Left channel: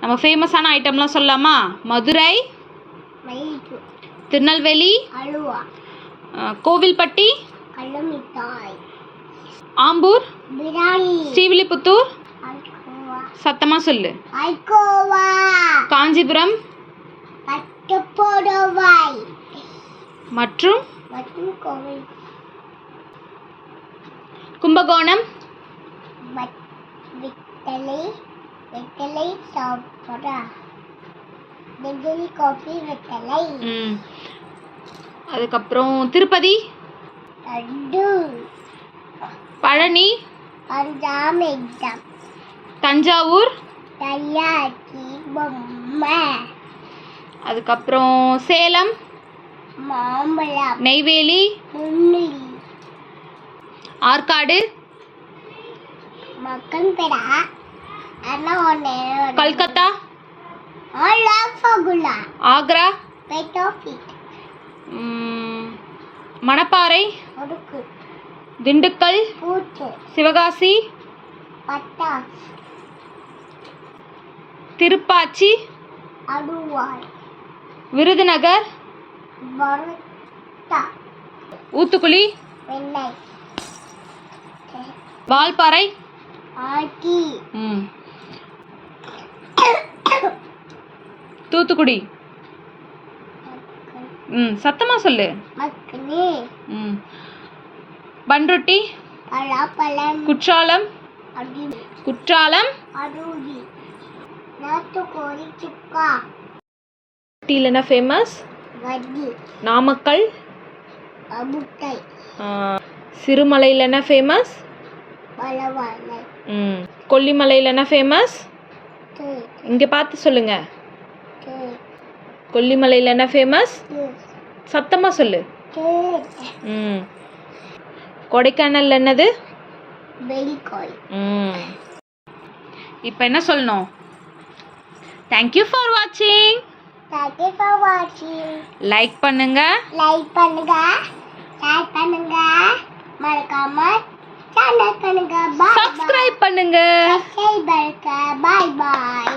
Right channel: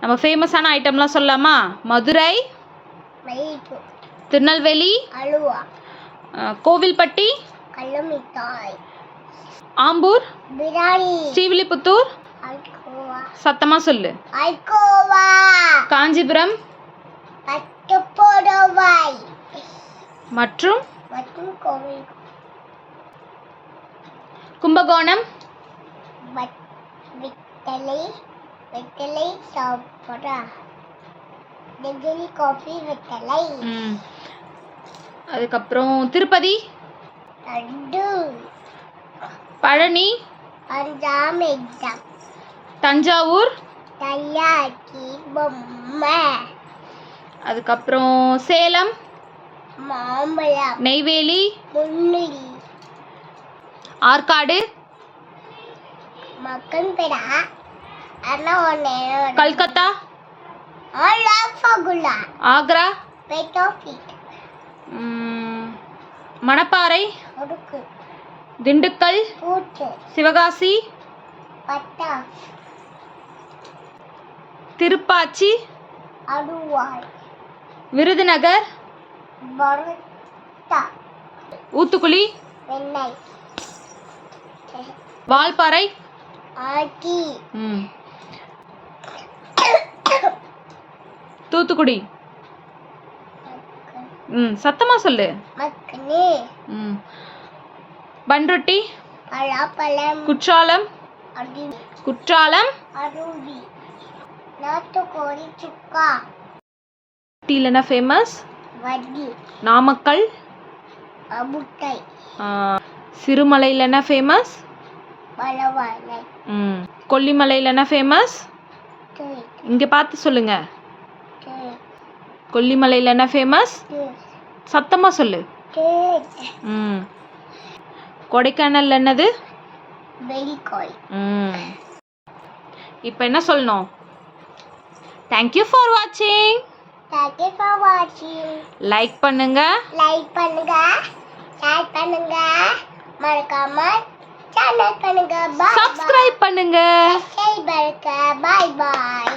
நம்ம ஃபேமஸான ஐட்டம்லாம் சொல்லலாமா? மதுரை திருநெல்வேலி அலுவா. கோவில்பட்டி ஆம்பூர் ஸ்ரீவில்லிபுத்தூர். சத்தமாக சொல்லு. காஞ்சிபுரம். மற்றும் கும்பகோணம். வெத்தலை வெத்தலை சாப்பிடா டிகிரி காஃபி வெத்தலை. அதுக்கப்புறம் திருப்பதி. லட்டு பழனி. அஞ்சாம் எக்ஸாம். தஞ்சாவூர். தயாக்கி பொம்மை. அதுக்கப்புறம் சேலம். மாம்பழம். நெய்வேலி. முன்னிலி ஆற்காடு. மக்கன் பெடா. பெட்டோஃபிட் ம், மணப்பாறை? ஒடுக்கு திண்டுக்கல்? சிவகாசி? பட்டா திருப்பாச்சி? அடுவாய் விருதுநகர்? வெண்ணெய். வால்பாறை? ம். தூத்துக்குடி. ம் சத்தமாக சொல்லு. ம். பன்ருட்டி குற்றாலம். குற்றாலம். நாட்டுக்கோழி சுக்கா. ஃபேமஸ் நாமக்கல். அமுட்டை ஆ, சிறுமலையில் என்ன ஃபேமஸ் ம் கொல்லிமலையில் என்ன ஃபேமஸ் இங்கே பார்த்து சொல்லுங்க. தேய் கொல்லிமலையில் என்ன ஃபேமஸ் சத்தமாக சொல்லு. ம். கொடைக்கானல் என்னது? ம். இப்போ என்ன சொல்லணும்? தேங்க்யூ ஃபார் வாட்சிங் தேங்க்யூ ஃபார் வாட்சிங் லைக் பண்ணுங்க. லைக் பண்ணுங்க. ஷேர் பண்ணுங்க. மறக்காம சேனல் பண்ணுங்க. பாய் சப்ஸ்கிரைப் பண்ணுங்க. பாய் பாய் பாய்